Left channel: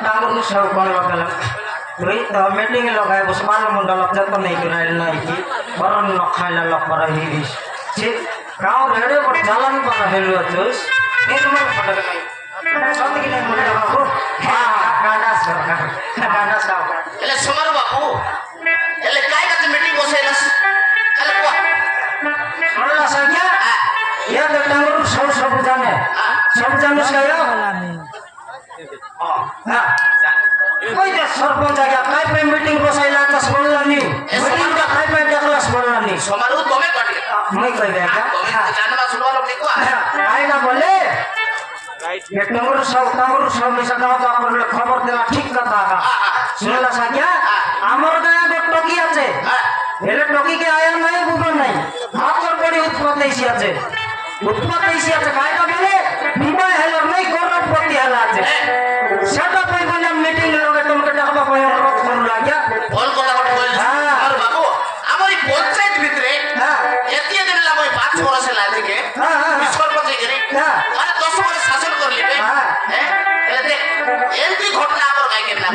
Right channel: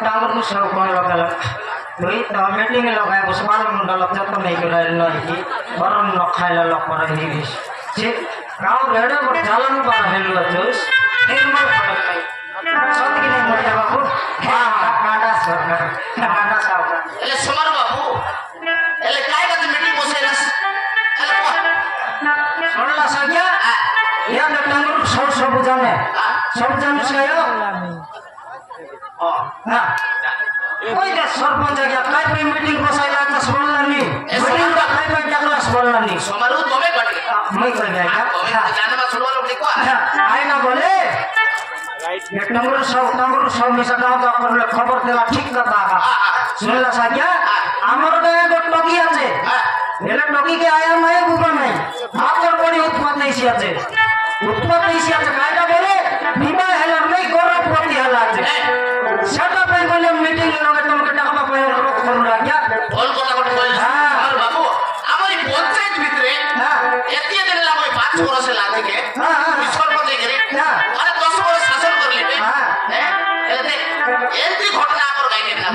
टांगरू सब कौन लगला वही तो मीटिंग लगाए उस बार मुंडा लगता तो नहीं गिराए ना कि और न खाइला लग पर ही जे गांव रेडे पर जालन पर हेलो तुस एक मन पड़ सब के मोटे बाबू हां गांडा सरकार गांडा साहब એટલે સોમાર બાપુ એટલે કાઈ કાતે મીટિંગ બોસેલસ એટલે કો सोला संख्या या तो टांगरू सब जाने सायो हां कोई दे सरपंच आ गया काय पे मीटिंग बसाइला त सोला नी मीटिंग का काय पे डाकला सोला नी સોમારું તમે કટકે मैं कोई गया क्या જાનવા છોડવાનો નીકો काय ना बोले राइट एक नंबर सब में से गांव का खबर देला ठीक करता है सोला संख्या हमर गाय को टोकी আছে এলে টকি কে আয়া নাই বুবা নাই মাত্র বড়ি উৎপন্ন হইছে আছে ভাইটা বলে বিবাহ হেলা নাই গরব পড়ি হেলা আছে সেটা পাই বলে মিটিং লগে তোমাকে টাকা পাই ফোন লাগিয়া ফোন কথা কইলা আমার বাবু আমার এই পঞ্চায়েত ভিতরে এতিয়ে দিন লাগবে 5 বছর লাগে বিস্কুট পঞ্চায়েত করে আরে 10 বছর শাসন করলিবে হ্যাঁ এলে দেখ এমপি ঘটনা আমার গাইকে না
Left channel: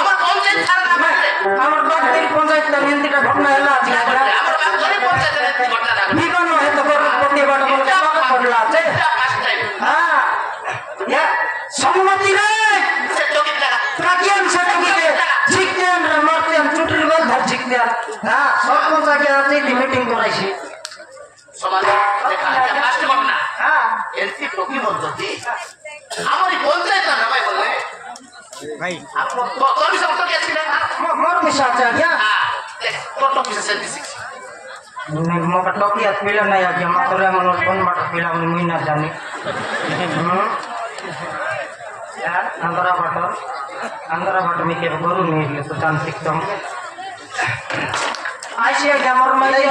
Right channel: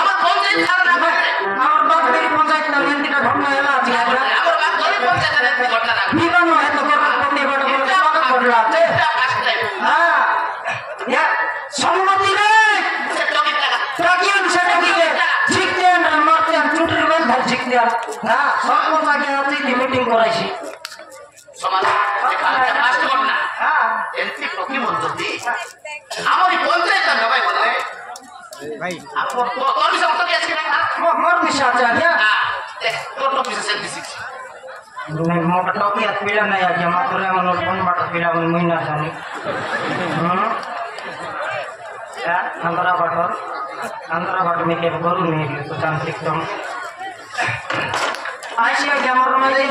আমার পঞ্চায়েত ছাড়া না আমার বাড়ির পঞ্চায়েত না এমপিটা ঘটনা হেলা আছে আমার বাড়ির পঞ্চায়েত এমপি ঘটনা না বিবাহ হয় তো গরব পড়ি বাড়া বলে টাকা পড়লা আছে হ্যাঁ ইয়া সম্মতি রে সে টকি টাকা প্রাকিয়ান সার্টিফিকে জিকদিয়ান মরতেন চুটির গোল ধর জিকদিয়ান হ্যাঁ সরপঞ্চ আগে আছে কি মিটিং করাইছি সমাজ দেখা ফার্স্ট ঘটনা হ্যাঁ এমপি টকি মধ্যে আমার এই পঞ্চায়েত না ভাই বলে ভাই আপনি তোর বিষয় তো কি আছে না মোর মিশা আছে আগে হ্যাঁ দেখ তোর বিষয় 76 नहीं मोका टॉपी हाथ पीला नहीं आ गया मोरे मन बन बट पीला मन मुई ना जाने या अंदरा बट में के गुरु नहीं ले तो काम सिस्टम आशिया के मोर माई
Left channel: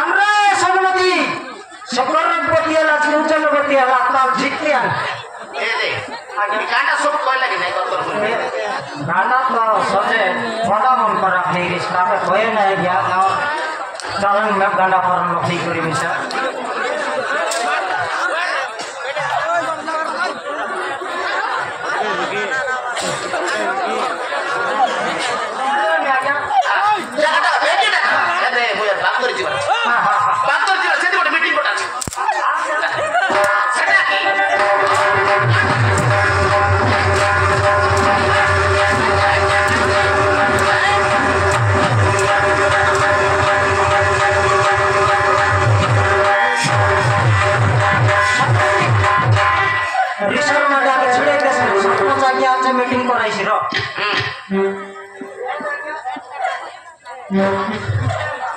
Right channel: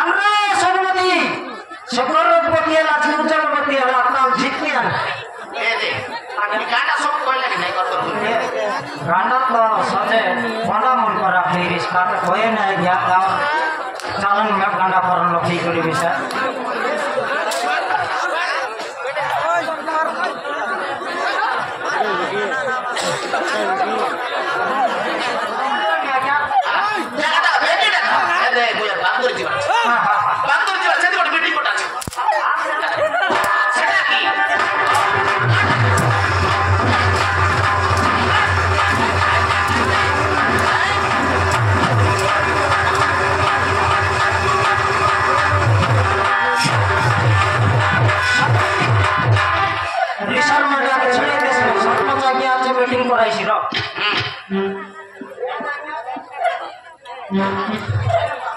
अंदरा सम्मति शुक्रवार बतियाला चिंचल बतियाला ताल जिकनिया ए दे गाना सब कोई लगे नहीं कर गाना तो सोचे बड़ा मन करा फिर इसका कोई नहीं गया गांव चालन में गंडा पर लखी करी बिसा জায়গাটা বেটি না এ দে বলে বান্দর জীবন সেটি একটা মিটিং কোটা আছে সেটা কি रिसर में जाके छिड़े के सरपंच आ गया आज मीटिंग कराइছি रो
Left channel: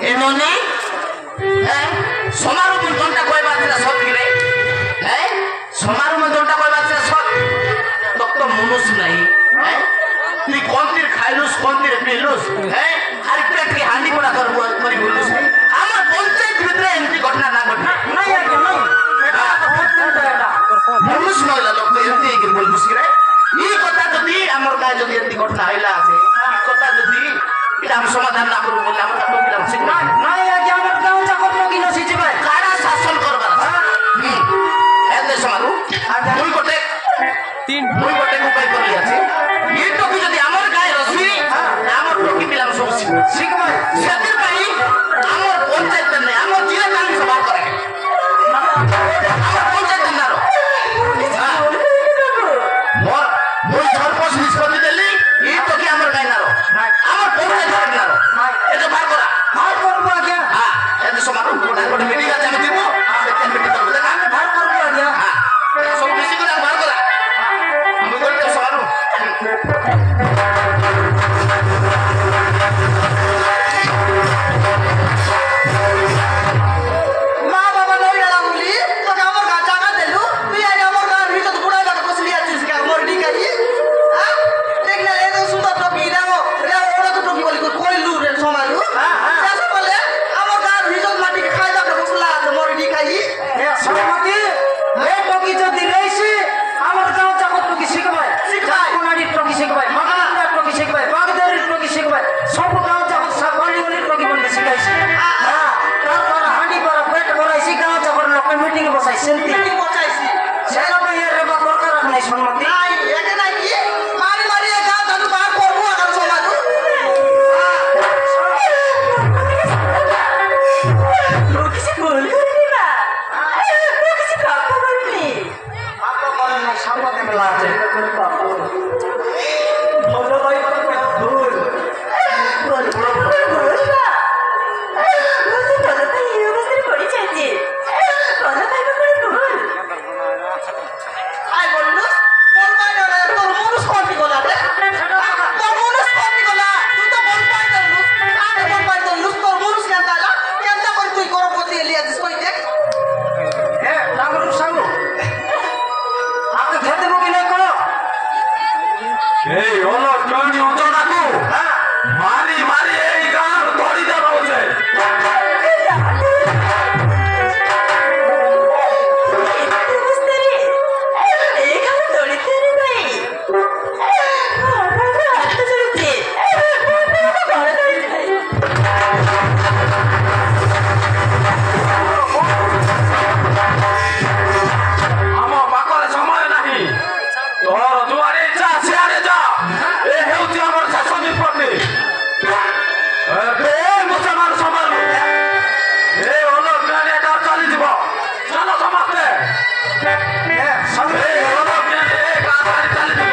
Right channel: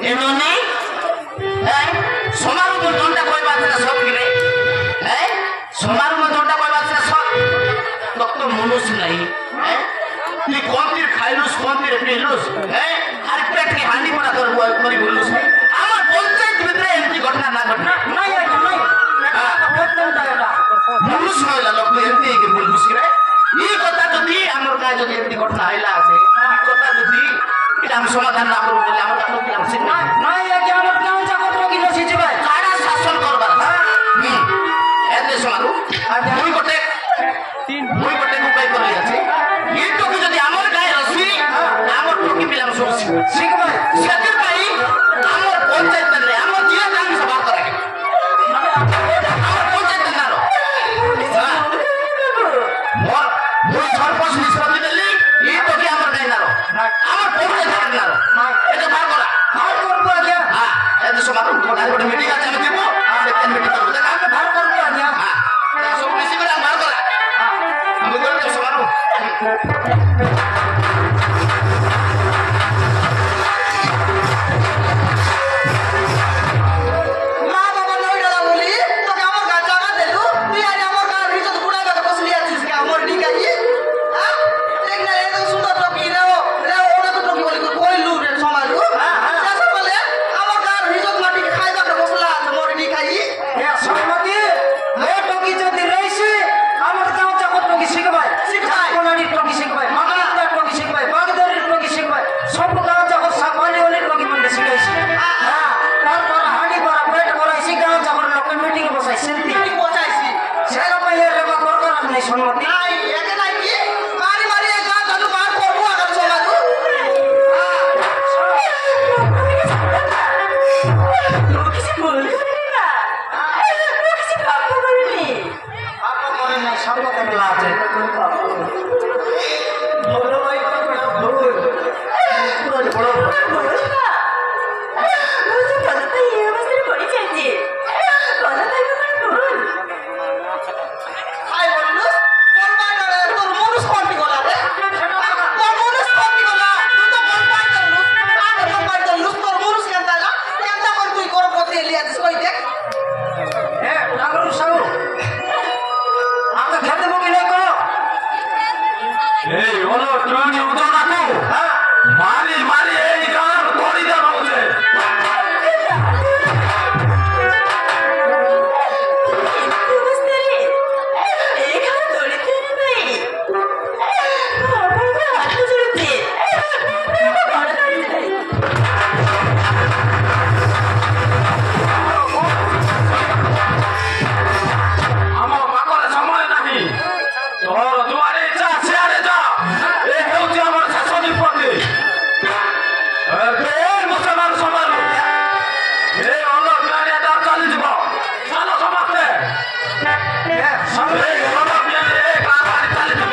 এননি হ্যাঁ সোমার মধ্যটা কই বাজরা সব গিরে হ্যাঁ সোমার মধ্যটা কই বাজরা সব লোক তো মনুষ নাই হ্যাঁ তুই কোনটির খাইলুস কোনটির পিলুস হ্যাঁ আর পেট কি হানি করা করব করি বলুস আমার পঞ্চায়েত ভিতরে এমপি ঘটনা না ঘটনা নাই আগে নাই এটা তো প্রত্যেকটা এটা মনুষ মহিলা লোক এমপি কি বলুস রে এই কথা যদি আমার কাছে যদি এমপি ঘটনা হইলা আছে এই কথা যদি এটা আমি সমাধান না করব বলে আমার তো বললাম ঠিক না নাই আগে আমার গাঁও চাকর লগি না সিজি ভাই কারা শাসন করবার এতে সমারু দুই গোটে উপায় করি আছে এই টকি যদি আমার গায়ে রসি আমার টকি পিলাম শুনছি ঠিক ভাই সেদিন ভাই আমার পঞ্চায়েত নেই আমার জিয়া কাম সভা করে আমার পঞ্চায়েত না মোর সরপঞ্চ নিষ্পত্তি দেলি এই টকি আমার গায়ে না আমার পঞ্চায়েত না এটা ভাগ করা হার করব আগে হ্যাঁ এতে সমারু গোটে মিটিং আছে আমি দিব সেখানে মিটিং করব দেখা হার করব আগে হ্যাঁ সব মিশে করে ভাগ করা আমি বলতে সমারু মা বাবা নই ডালা বলি তোকে আমার গা জায়গা দেলু তুই আরে আমার গা ভিতর পুরা জায়গা বসলি আছিস কে আমার ডিকাই হ্যাঁ দেখ না এই তো সুন্দর টপি নাও ওরা তো টপি বলি কই লু রে সমালু শেষ বলে আমার গা ভিতর মাটি খাই জায়গা বসলা আছে মোর ডিকাই এ সম্মতি এ টপি যদি রইছি আমার গাঁও চাকর টপি শিখবাই কোনাড়ি টপি শিখবাই মাগনা টপি শিখবাই বাগদারির টপি শিখবাই সব গাঁও চাকর সাকলি ওলি টপি বন্ধ শিখাইছি হ্যাঁ তারপর হাঁড়ি করা পেট করাইছি গাঁও চাকর লোক মিটিং বসাইছি মিটিং বসাইছি সেটা তো এর রেবা দরকার নাই সম্মতি নাই এখানে বড় ভাই তো বড় ভুল আই বললু বল পাই না তোর মনুষ কোনটি গলা রে তোর মনুষ কোনটি গলা তুই তো বল পাই না আরে বল পাই তো লুস তোর মনুষ কেনতা না কেনতা করে তুই করো পতি লিয়া দিস কই দেখ এ রাগর সাউ আপনি খেতে মুকি নাই কো এই হলো টনি উঁচু হ্যাঁ মারি মারি এই গান ধরি দেব বলছে আমার পাকলে সময় নাই তোর দুয়ারে যা সিয়ারে যা এ হেউছে আমার শেষ বিপত্তি মুসলমান সমান এ হলো ট্রেনে এটা চালি দিব চলো সমাজে এই হলো ট্রেনে গাড়ি চালি দিব